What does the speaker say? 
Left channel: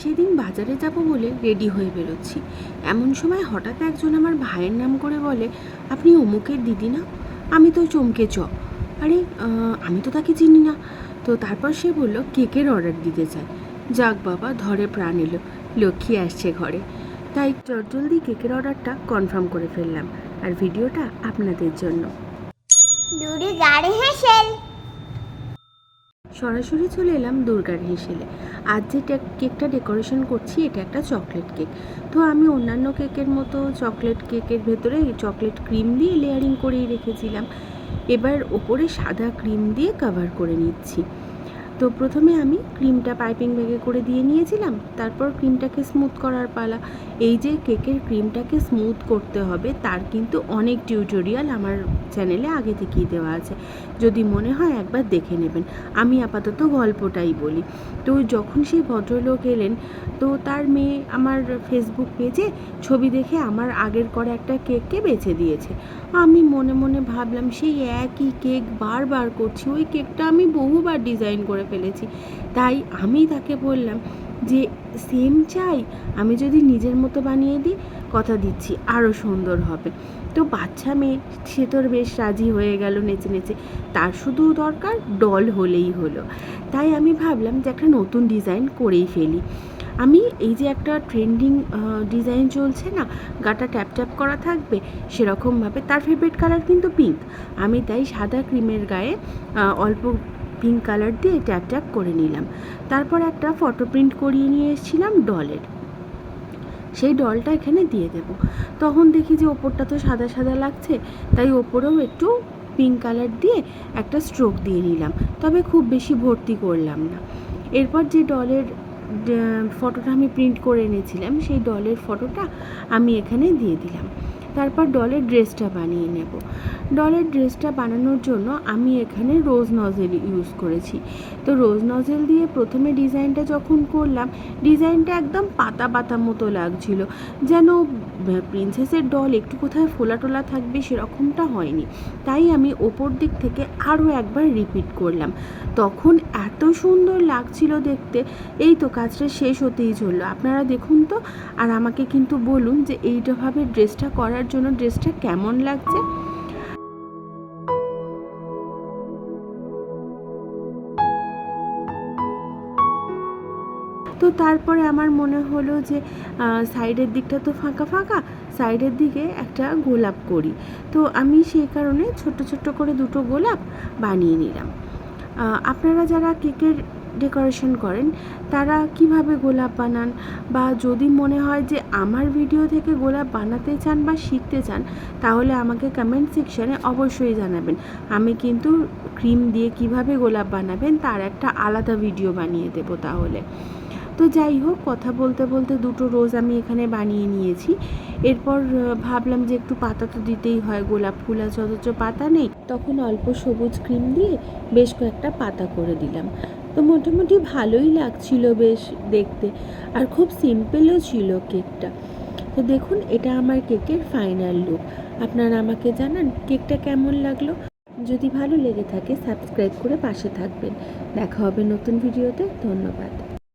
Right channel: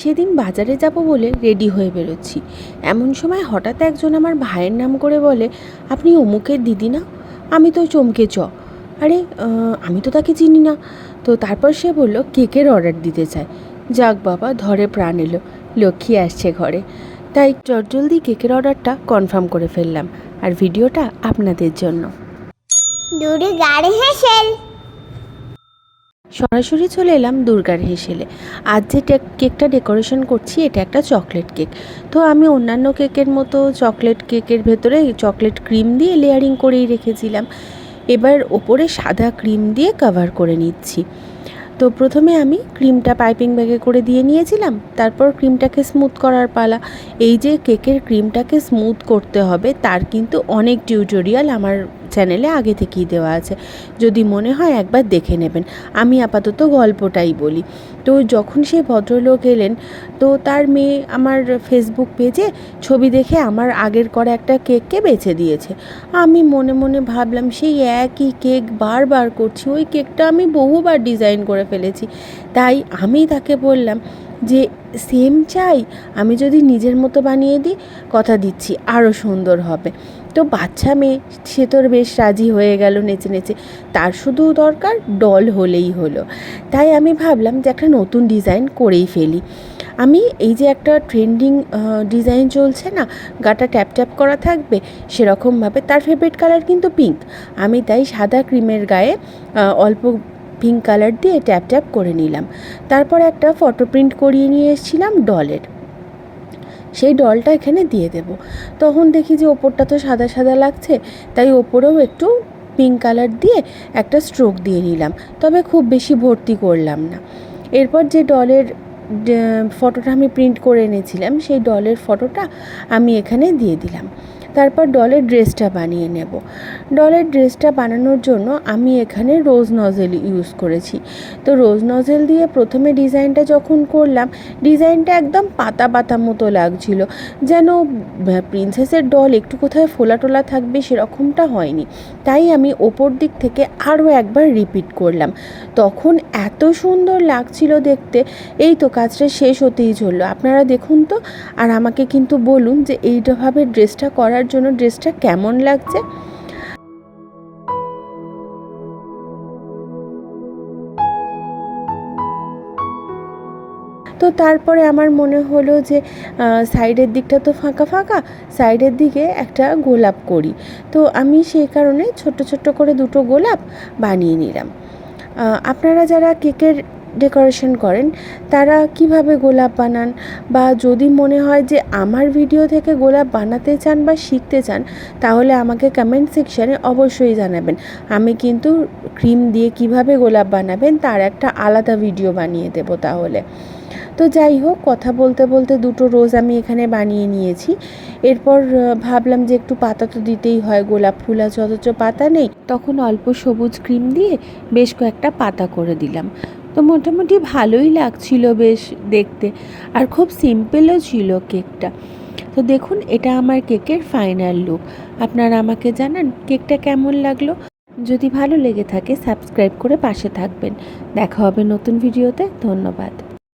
সেদিন বাজারে যাব বলে রেডি হয়ে বেরোচ্ছি, এমন সময় হঠাৎ একজন আমার ভাইয়ের নাম করে বলে, আপনি অমুকের দিদি না? আমি তো চমকে আরে আমি তো তাকে চিনি না। তো তারপর সে বলল কেকের অর্ডার দিতে চায়। যাক বাবা, ধরে প্রাণ এলো, লক্ষ্মী আসছে ঘরে। তাই চটজলদি কেকের অর্ডারটা কনফার্ম করে ফেললাম, আর ভিডিওটা আপনাদের জন্য। সরাসরি চলে এলাম দুর্গার হেসেলে। আজ যে কেকটা ডেকোরেশন করছি এটা একটা চকলেট কেক। তো আমি অন্যান্য কেকের মতো চকলেট কেকের ভেতরে চকলেট ক্রিম দিয়ে লেয়ারিং করেই রেখেছিলাম। এবার ওপরে সাদা ক্রিম দিয়ে কভার করে নিচ্ছি। তো প্রথমে আমি ক্রিমটা পাইপিং ব্যাগে করে দিয়ে নিয়েছিলাম, তারপর ক্রিমটাকে স্মুথ করার পালা। এই যে কেকের ক্রিমটাকে স্মুথ করতে হবে তার কিন্তু অনেক টিউটোরিয়াল আমার চ্যানেলে আগে থেকেই দেওয়া আছে, যদি মনে হয় একবার দেখে নেবেন। আমি আপাতত গল্পটাই বলি। তো যখন সেই ভদ্রলোক এলেন, তো তার মেয়ে আমার ফেসবুক পেজে ছবি দেখে আমার আগের করা একটা কেককে বেছে দিয়েছে। আমি মনে মনে ভাবলাম সেই একই কেক বারবার করছি, ওই কেকটা আমি বহুবার ডিজাইন করে ফেলেছি। তাই আমি তাকে বললাম যে সেম চাই, আমি যদি নিজের মতো বানিয়ে দিই কথা দিচ্ছি আরও সুন্দর হবে। তো বাচ্চা মেয়ে, সে তোর বেশ রাজি হয়ে গেল নেচে নেচে, তার শুধু দরকার ডল হলেই হলো। তাই আমি ভাবলাম যে একটা নতুন ডিজাইন করেই ফেলি। আমি এই যে একটা ট্রেন্ডিং ডিজাইন চলছে না, গাটা ট্যাপ ট্যাপ করা থাকবে সেরকমভাবে, তার ফেভারিট কালার কিন্তু পিঙ্ক। আমি তাই সাদা ক্রিমের গায়ে অল্প পিঙ্ক কালার দিয়ে ট্যাপ ট্যাপ করে নিলাম। তারপর একটা ফটো প্রিন্ট করিয়ে নিয়ে এসেছিলাম ডলের, সেই ডলটা এখানে দিয়ে দেব। তখন দেখি যে ওপরটা তো সাদা সাদা লাগছে, তাই ওপরেও একটু পিঙ্ক কালার দিয়ে একটা স্ট্রোক দিয়ে নিলাম, তবে খুব বেশি ভর্তি করলাম না। এরপর যে ডলের ফটোটা আমি প্রিন্ট করে এনেছিলাম, সেই ডলের ফটোটা আমি এখানে দিয়ে দিলাম। তারপর ডলের ড্রেসটা বানিয়ে নেব। ডলের ড্রেসটা বানানোর জন্য আমি এখানে রোজ নজেল ইউজ করেছি। তো রোজ নজেল দিয়ে প্রথমে ডিজাইনটা যখন করলাম, ডিজাইনটা একদম পাতা পাতা মতো লাগছিল, যেন প্রিন্সেসের ডল একটু কোথায় ফোলা টোলা থাকবে সেরকমটা হয়নি। তাই আমি ওপর দিক থেকে আরও একবার রিপিট করলাম, তখন এত সুন্দর লাগছিল দেখতে। এই তো কাজটা শেষ হতেই চললো, আপনারা দেখুন তো, আর আমাকে কিন্তু বলুন যে এইভাবে ড্রেসটা করার জন্য ড্রেসটা কেমন লাগছে। তো তারপরে আমার মনে হলো যে সাইডের দিকটা তো ফাঁকা ফাঁকা, সাইডের দিকে একটা গোলাপ করি। তো আমি সেই কারণে ছোট্ট ছোট্ট করে দুটো গোলাপ বানিয়ে নিলাম। আপনারা যারা কেকের ডেকোরেশন করেন তারা কিভাবে গোলাপ বানান, বা যদি মনে হয় যে আমার ভিডিও থেকে গোলাপ বানাতে চান বা শিখতে চান, তাহলে আমাকে কমেন্ট সেকশানে অবশ্যই জানাবেন। আমি কিন্তু ক্রিম দিয়ে কিভাবে গোলাপ বানাবেন তার একটা আলাদা ভিডিও বানিয়ে দেবো তাহলে। তো যাই হোক, কথা বলতে বলতে দুটো রোজ আমি এখানে বানিয়ে নিয়েছি। এরপর ভাবলাম যে একটু পাতা তো দিতেই হয়, গোলাপ ফুল আছে অথচ পাতা নেই, তখন অল্প সবুজ ক্রিম দিয়ে বেশ কয়েকটা পাতা করে দিলাম। তো মোটামুটি ভালোই লাগছিল বেশ দেখতে, আর খুব সিম্পলও ছিল কেকটা। তো দেখুন, এটা আমার কেকের ফাইনাল লুক। আপনারা আমাকে জানান কেকটা কেমন লাগলো। যদি ভালো লেগে থাকে সাবস্ক্রাইব করে পাশে থাকবেন। দেখা হবে নতুন ভিডিওতে। ধন্যবাদ।